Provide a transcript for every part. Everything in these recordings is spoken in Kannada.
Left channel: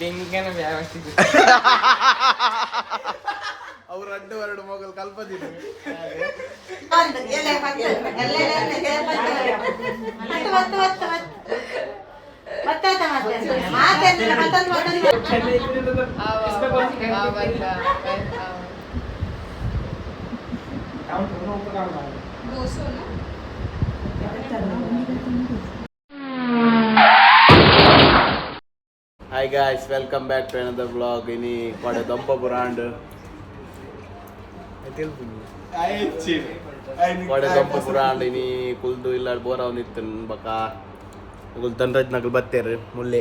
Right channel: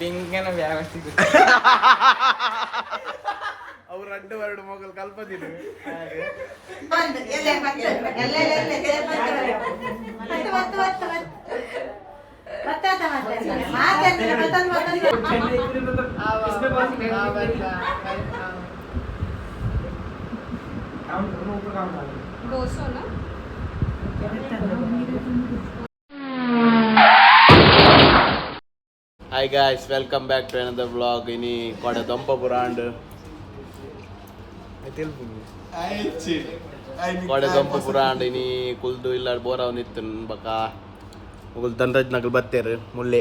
ಬೆಂಗನ ವ್ಯವಸ್ಥೆ ಅವ್ರು ಅಡ್ಡು ಮಗಲ್ ಕಲ್ಪದಿದ್ರು Hi guys, welcome back to another vlog. Ini pada dompa brand. Pada dompa brand ini kuldu illar bora unitun baka. Kul tanraj nagal batter mulle.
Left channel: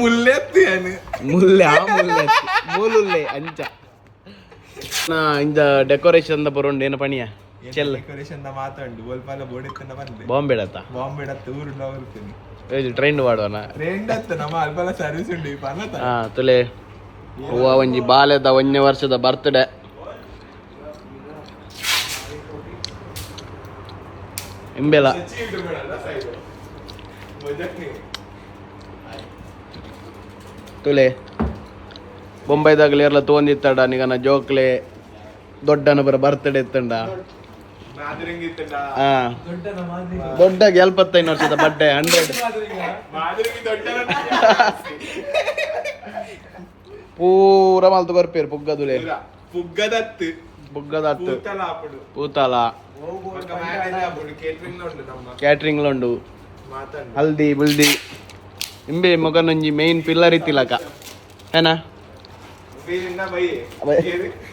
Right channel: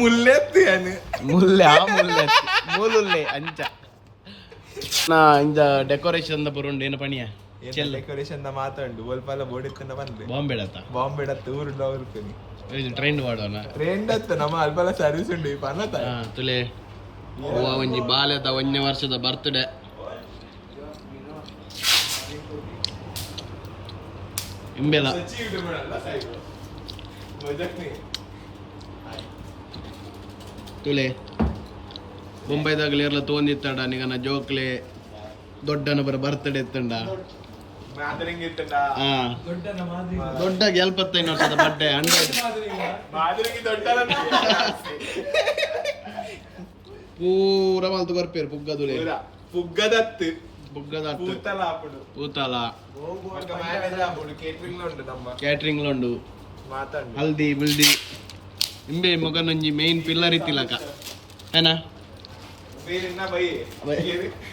Mulle tiane. Mulle ancha. Na inda decoration da bronde ena paniya. Chell decoration ಮಾತಾಡು ಒಲ್ಪಲ್ಲ ಬೋಡಿತ್ತನ ಬಂದೆ ಬಾಂಬೆ ಡತ್ತ ಊರು ನೋಡ್ತೀನಿ ಟ್ರೈನ್ ವಾಡೋಣ ಟ್ರೆಂಡ್ ಅತ್ತ ನಮ್ಮ ಅಲ್ಪಲ್ಲ ಸರ್ವಿಸ್ ಉಂಡು ಪನ್ನತ ತುಲೆ ಹೂವ ಒಂಜಿ ಬಾಲ್ಯದ 1ನೇ ವರ್ಷದ ಬರ್ತ್ಡೇ ಇಂಬೆಲ ತುಲೆ ಬೊಂಬೈದಾಗಲಿ ಎಲ್ಲ ತೊಂದಿತ್ತಡ ನಿಗನ ಜೋಕ್ಲೆ ದೊಡ್ಡನ ಬರ ಬರ್ತ್ಡೇ ಇತ್ತಂಡ ದೊಡ್ಡ 75 ವರ್ಷದ ಬಡ್ಡೆ 100 ಪೂರ ಮಲ್ತು ಬರ್ಪೇರು ಪುಗ್ಗದುಲೆ ಪುಗ್ಗದತ್ತು ಪೂತಲ ಕ್ಯಾಟ್ರಿಂಗ್ ಲೊಂಡು ಹಲ್ದಿ ಬುಲ್ದಿ ಇಂಬೆ ಮಗನೊಂಜಿ ಮೇನ್ ಪಿಲ್ಲರ್ ಇತ್ತಿಲಕ ಏನಾ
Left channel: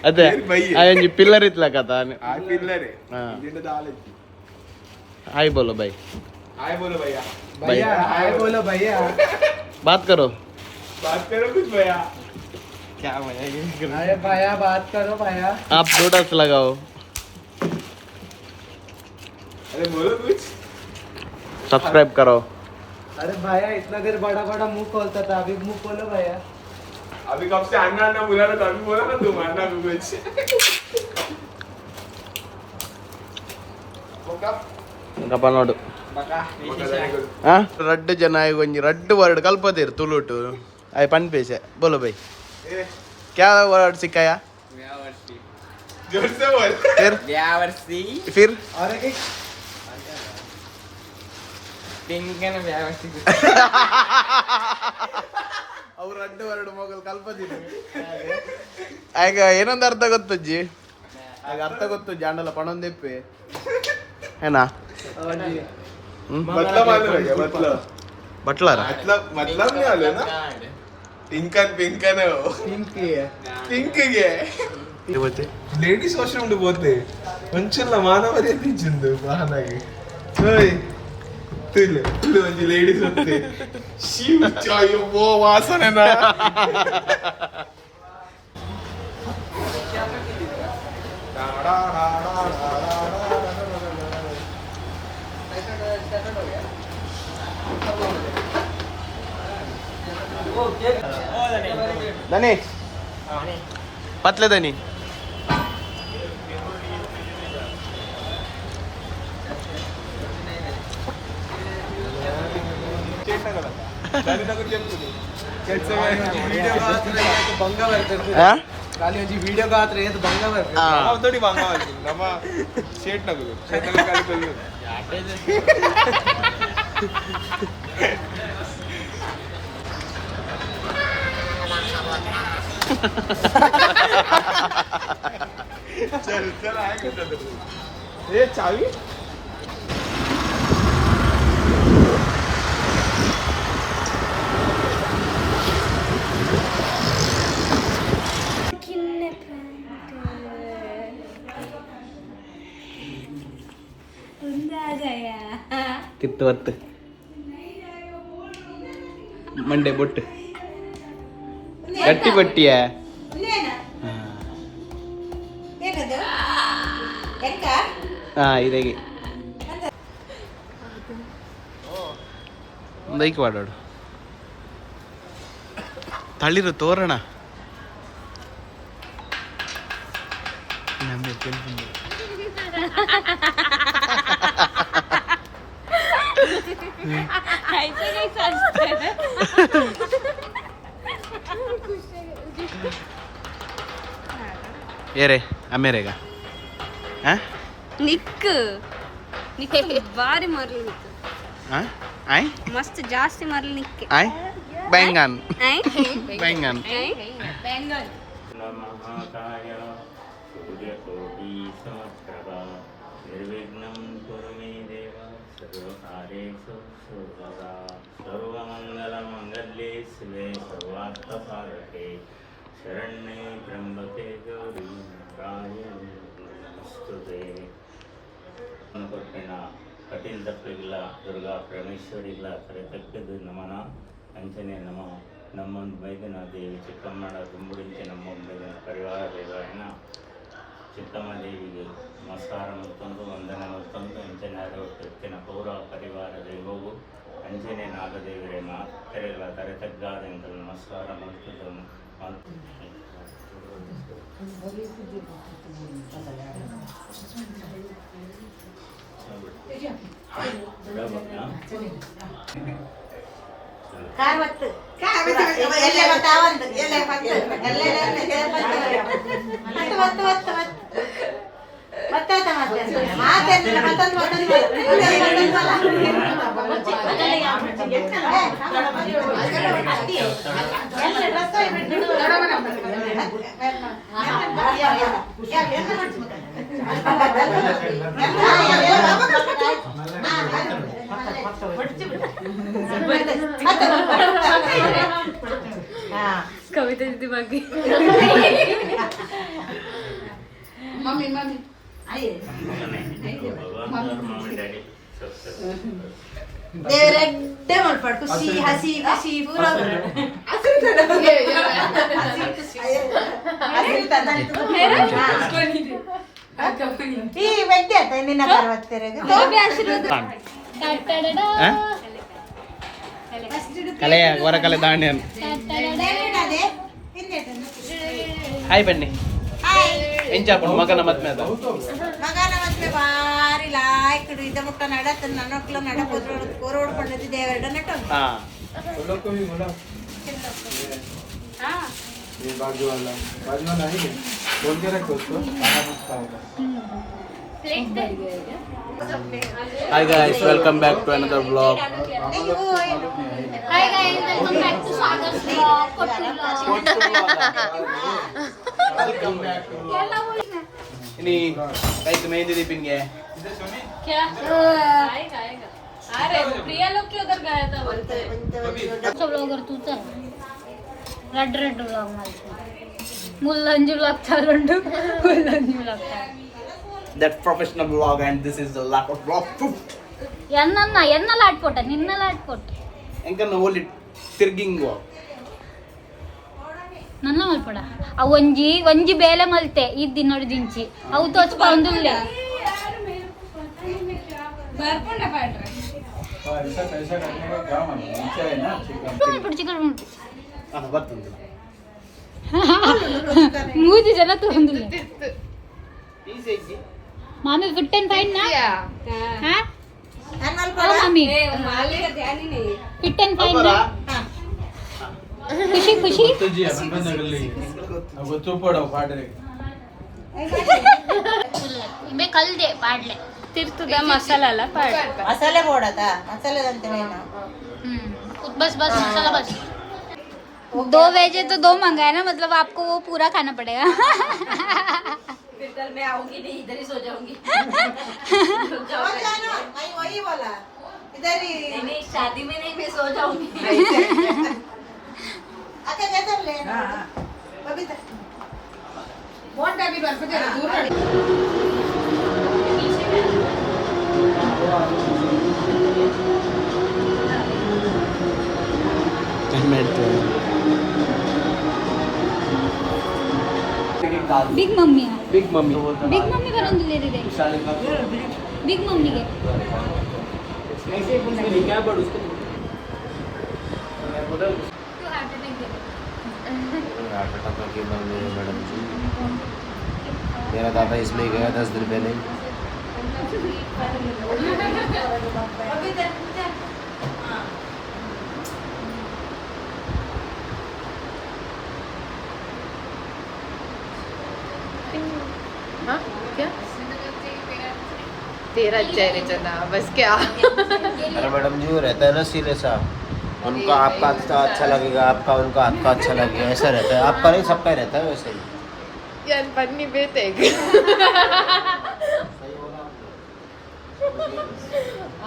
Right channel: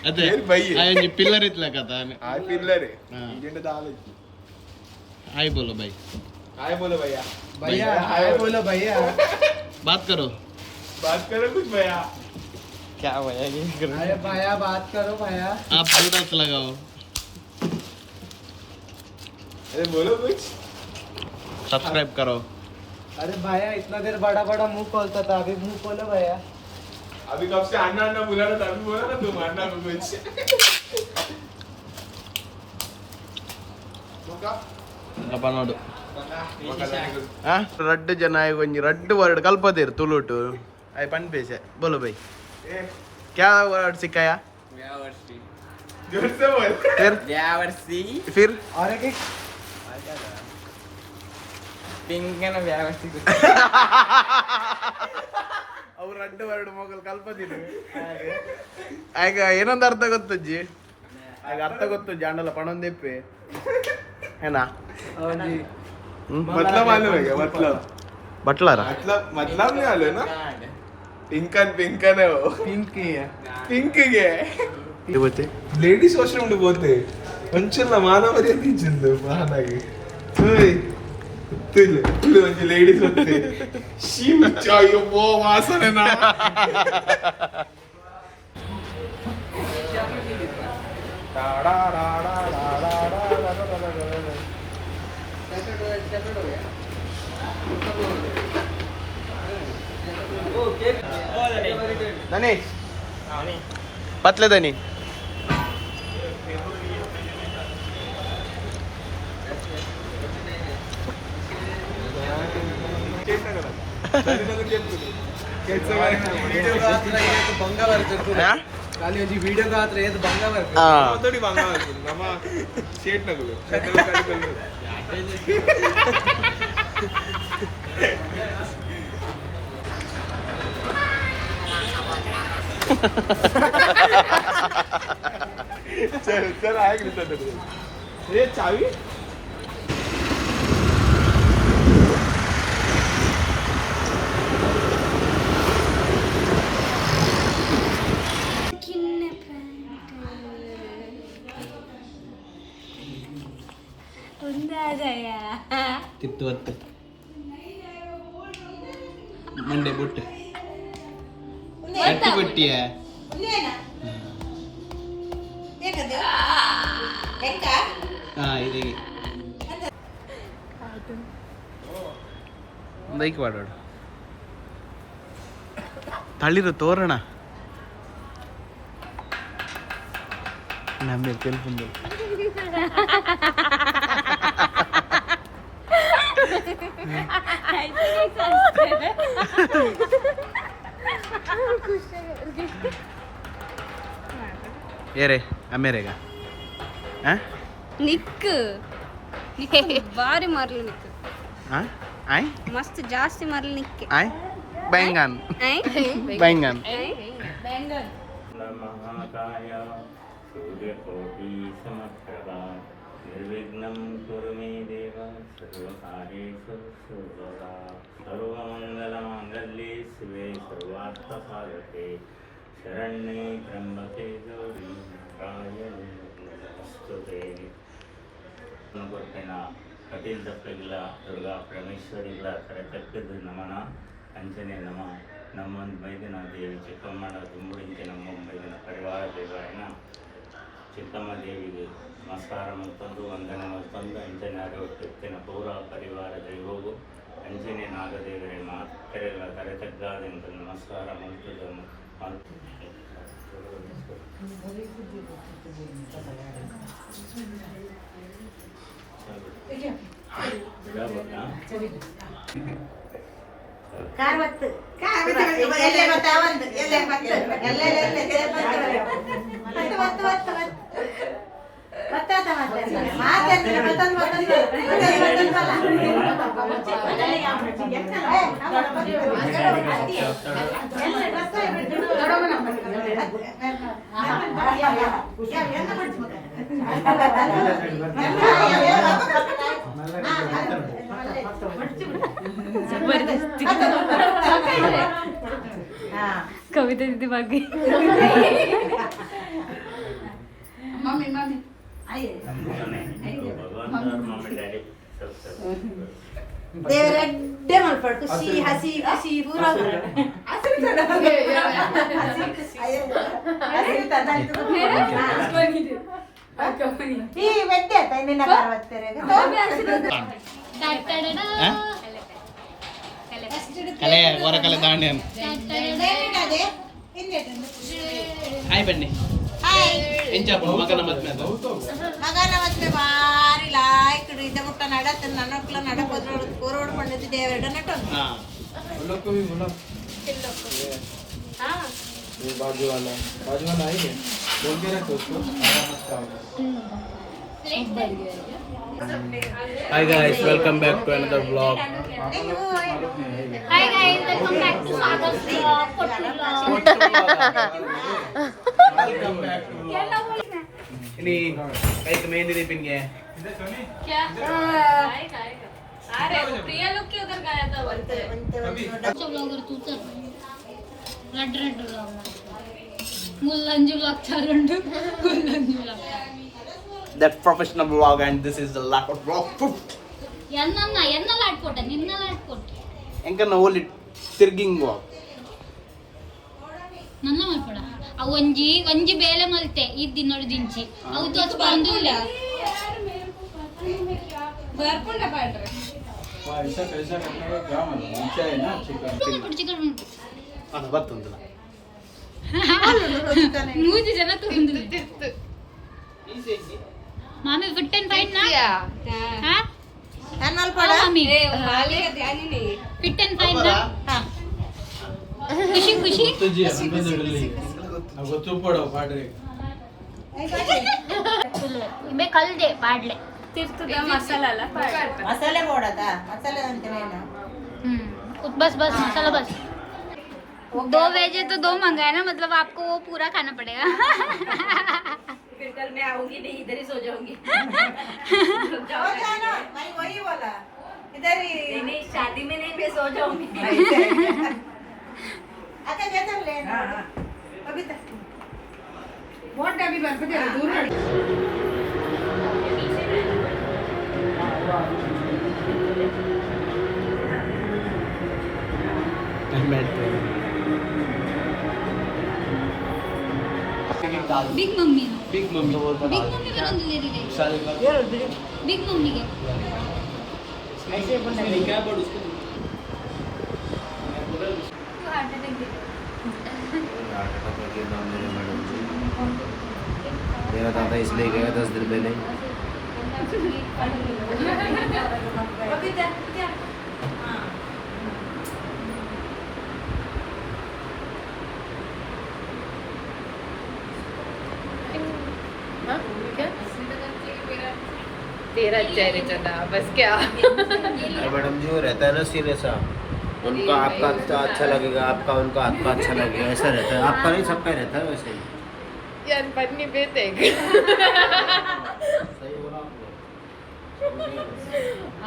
ಅದೇ ಒಂಜಿ ಪಿಲ್ಲರ್ ಇತ್ಲಕ हाय बोलो भाई हाय बोलो भैया भैया हाय बोलो भैया बात करो कुछ भैया क्या भैया अरे भैया बात करो भैया आप प्रोडक्ट लगाओ अरे बोलो कुछ सब्सक्राइब करो अरे भैया इतना देर बड़ा बड़ा मुंह खोलता था अभी मुंह खोलो भैया अभी कब से अन्ना अन्ना बुला रहा था अभी बोला ना तुम अन्ना कुछ ಗಪ್ಪ ನೋಡು ರಡ್ಡು ಜನ ಒಂಜಿ ರಡ್ಡು ವರ್ಡ್ ಕಲ್ಪದಿರು ತುಳುಟು ಆಯ್ ಪನ್ಪೇಸೆ ಬೋಲೋ ಬೈ ಕ್ಯಾ ವರ್ಡ್ ಸಿಕ್ಕಾಯ ಫಿರ್ ಬೆಂಗನ ವ್ಯವಸ್ಥೆ ಅವ್ರು ರಡ್ಡು ವರ್ಡ್ ಮಗಲ್ ಕಲ್ಪದಿರು ಆಗ ಏನೊಂದು ಅರ್ಥ ಗೊತ್ತಜ್ಜಿ ಆಗ ಅರ್ಥ ಗೊತ್ತು ಜಾಂಡಲ ಪಣೊಂದೆಪ್ಪೆ ಏನಾ बटलर मतलब नहीं आलो ना पिंकन है वो पिंक है बोलते लेडीज वाशरूम పోతే కొంచెంలా మానవర్య తీచింది బాహనాగి ఓయ్ తిల్లు మంచి లేడీస్ వస్తే షీమ్ చాయో బో వాసననా दनी पतले दनी ಖಾಲಿ ಒಂಜಿ ವಿಡಿಯೋ ಗಾತ್ರ ಏತ್ ಬಂಗ ಬರ್ತೆ ಅದೊಡಿ ಬಂಗ ಬರ್ತೆ ನಮ್ಮ ಶೇಟ್ ನಗು ಖಾಲಿ चल आएगा ये चाबी कित्त वत्त मंडे बुट्ट गट्टी पट्टी है हाँ इधेगी ಒಂದೈಕೆ ಮಾಡೋಡು ತಳಿರು ತೋರಣ ನಮಗೆ ಕೇಳ್ಕೊಂಡು ಏರೆ ಅಮೇರೆಗ ನಿಕ್ಕು ನಿಕ್ಕೆ ಬಾರಿ ಮಾರ್ಲಿ ನಿಕ್ಕು ಆಯ್ ಮಸ್ತ್ ಜಾಸ್ತಿ ಮಾರ್ಲಿ ನಿಕ್ಕೆ ಆಯ್ बैंगन बैंगन नमः सूर्यकोटि समप्रभा निर्विघ्नं कुरु मे देव सर्वकार्येषु सर्वदा सर्वमङ्गलमाङ्गल्ये शिवे सर्वार्थसाधके शरण्ये त्र्यम्बके गौरी नारायणी नमोस्तुते ಕೊಟ್ಟಿನ ಕಟೀಲ್ ದಪ್ಪಗಿಲ್ಲ ದುರ್ಗಾ ಪರಮೇಶ್ವರಿಗಳ ಕರೆತಕ್ಕದ್ದು ನಮನ ಅಂಚನೆ ನಮ್ಮೊಂದು ಮೈದಿನ ದೇವಿ ಚಿಕ್ಕಮ್ಮನ ದುಂಬುಡಿಂಚೆ ನಮ್ಮ ಮೈದಿನ ಪರಿವಾರ ದೇವಾಯನ ಚಿಕ್ಕಮ್ಮ ದೇವಿಗೆ ನಮಸ್ಕಾರ ಮತ್ತೊಂದು ವಂದನೆ ಮತ್ತೊಂದು ಅಂಚನೆ ಎತ್ತಿನ ಪೌರ ಪರಿವಾರ ದೇವವು ಅಂಚನೆ ನಾಗದೇವರೇ ಮಾತೆರೆಗಳ ತರೆತಗ್ಗಾದಂತ ನಮಸ್ಕಾರ ಮಲ್ತುದನ್ನು ಕವಿತೆ ರೀತಿ ಬಗ್ಗೆ मम्मी मम्मी ದೇವರಡ್ಡೆ ಮಾಡ್ಬಾರ್ದು ಖುಷಿ ಹಸಿ ಖುಷಿ ಪೂರ ಈ ವ್ಯಕ್ತಿ ಆಯ್ತಾ ನಿನ್ನ ಬರ್ತಾರೆ ಕಲೆ ಹೊರ ಕಲೆ ದಾಂಡ್ಯನ್ ಹಾಯ್ ಬನ್ನಿ ಎಂಚಾಪುಂಡು ಮಗನ ಮದ್ಮೆ ಅದ ಮಗನ ಮತ್ತೆ ಬಾರಿ ಲಾಯ್ಕಡು ಇದ ಮುಟ್ಟ ನಡತ್ತ ನನ್ನ ಒಕ್ಲ ನಡಕೋದ್ರ ಕೋರೋಡ್ ಪಂಡಿದ್ದು ದೇವರಡ ನಟ ಹಾ ये बाजू वाला है क्या बोल के रखो उसको खाना पूछता होगा hi guys welcome back to another blog hi guys welcome back to Swagat blog कोटू ini guys मेहंदी दीपिनगे क्या आएगा अरे प्रिया लोग क्यों उधर गया था बोलते सब लोग उधर तू था रेड रेड ब्लॉग मुल्लंजू लगता रंडू मुल्लंजू लगता that professional vlog and this is the lack of vlog ಎನ್ನ ಲಾಟ್ಕೊಟ್ಟೆ ನಿನ್ನ ಲಾಟ್ಕೊಟ್ಟೆ enkan only tirging vlog ನನ್ನ ಮಲ್ಪಡ ಆ ಒಂಜಿ ಬೇಲೆ ಮಲ್ತೆ ಇದ್ದಿ ನೋಡಿ ದಿಂಚಿ ಅವು ತೋಚ್ಪ ಒಂದುಲ್ಲೆ ಬರ್ಕೊಂಡೆ ಪಾಡ್ರೆ ऐसा कैसा करने का क्या मतलब नीचे है ना चिकन ಚಿಕನ್ ana battundula ಮೂಜಿ ಜನ ತೊಂದಿಲ್ಲ ಮಾಮಿ ಫಿಟ್ ಅಂಡ್ ಫೈನ್ ನಾ ಹಾ ನಾನು ಅಲ್ಲ ಮಮ್ಮಿ ಮಾಲಿಗೆ ಧ್ಯಾನಿನಿ ಫಿಟ್ ಅಂಡ್ ಫೈನ್ ನಾ ಖುಷಿ ಖುಷಿ जी अपन पे नगली अब तो पड़ो पाडरे ಇಬೆ ಕಲ್ದೆ ಪಾಡ್ಲೆ ತಿರ್ತದ ಮಸಾಲ ಅಲ್ಲ ಪಾಡ್ಲೆ ಮಸಾಲೆ ಬೋಡದ ಮಸಾಲೆ ಅಂತ ಏನು बस बस मसाला बस 2 वेज है तो 2 मंगाया ना मतलब आपको वो पूरा खाना पड़ेगा फिर कल मैं आऊंगी नहीं इधर ही सो जाऊंगी मैं वही बोला इधर ही नहीं शादी में नहीं मैं सो जाऊंगी अक्का जैसा ले बबीता बहुत टाइम पर मुझे दूर हट big mummy big mummy big mummy ಬರೋದಿಲ್ಲ ಇದೆ बिग मम्मी ಗೆ मेरा दादा इसलिए गया 10 दिन पहले तेरा चेहरे चना बस क्या अरे मैडम जी वो रहता है ना सीरियस उनका आपका हाथ अच्छा लगेगा, आपका उनका हाथ का अच्छा लगेगा, ऐसा रहता है। आपका नहीं, सबका ही रहता है वैसे ही। यार पन्नी बेटे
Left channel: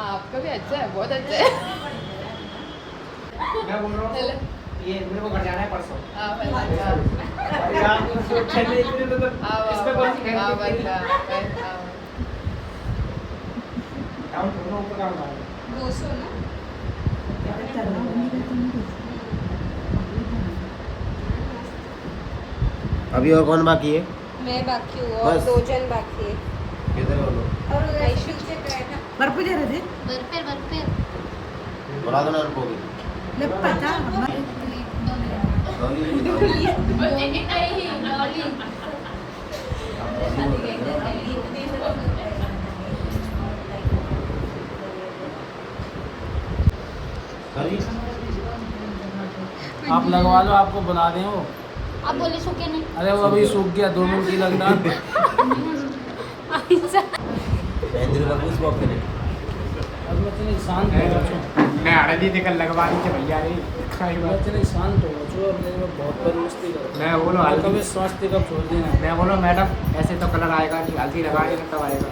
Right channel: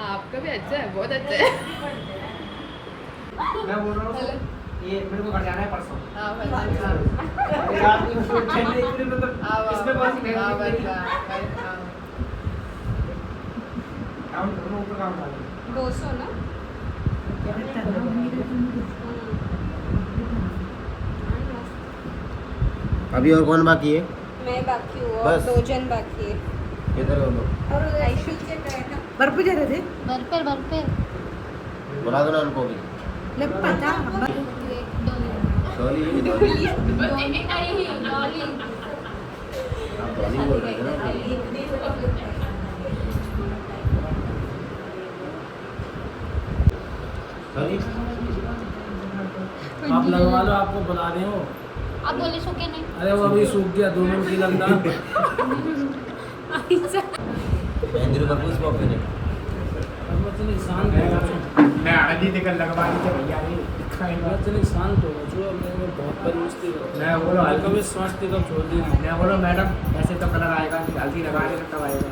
आपका भी अच्छा है, बहुत अच्छा है। मैं बोल रहा हूँ ये मेरे को घर जाना है परसों। हाँ, रात को सूट खेलने के लिए तो इसमें कौन सी मेहनत की? हम दोनों ऊपर काम कर रहे हैं। अभी और कौन बाकी है? मैं बाकी हूँ और बस। 2 जन बाकी है कितने लोग? और उधर आयुष से गए ना बर्फ जा रहे थे बर्फेर बर्फेर बुला दो ना उनको। लग पता डॉली डॉली डॉली नहीं डॉली डॉली बोल रहे हैं ना। डॉली आप लगवा लो, आपको बुला रहे हो। आप बोले सूखे नहीं अरे वो अभी सूख गया, 2 मिनट की लग रहा। इंद्र का कुछ बात नहीं। अब वो इतने शांत हो जाओ। मैं हल्दी देकर लगवा दी थी भैया ने। खाई बात। इतने शांत हो जाओ, अब मेरे को बहुत बड़ी मस्ती करो। मैं बोलो हल्दी कभी स्वास्थ्य का छोड़ देना। मैं बोलो मैडम ऐसे तो कलर आएगा नहीं, हल्दी लगा देना तब आएगा।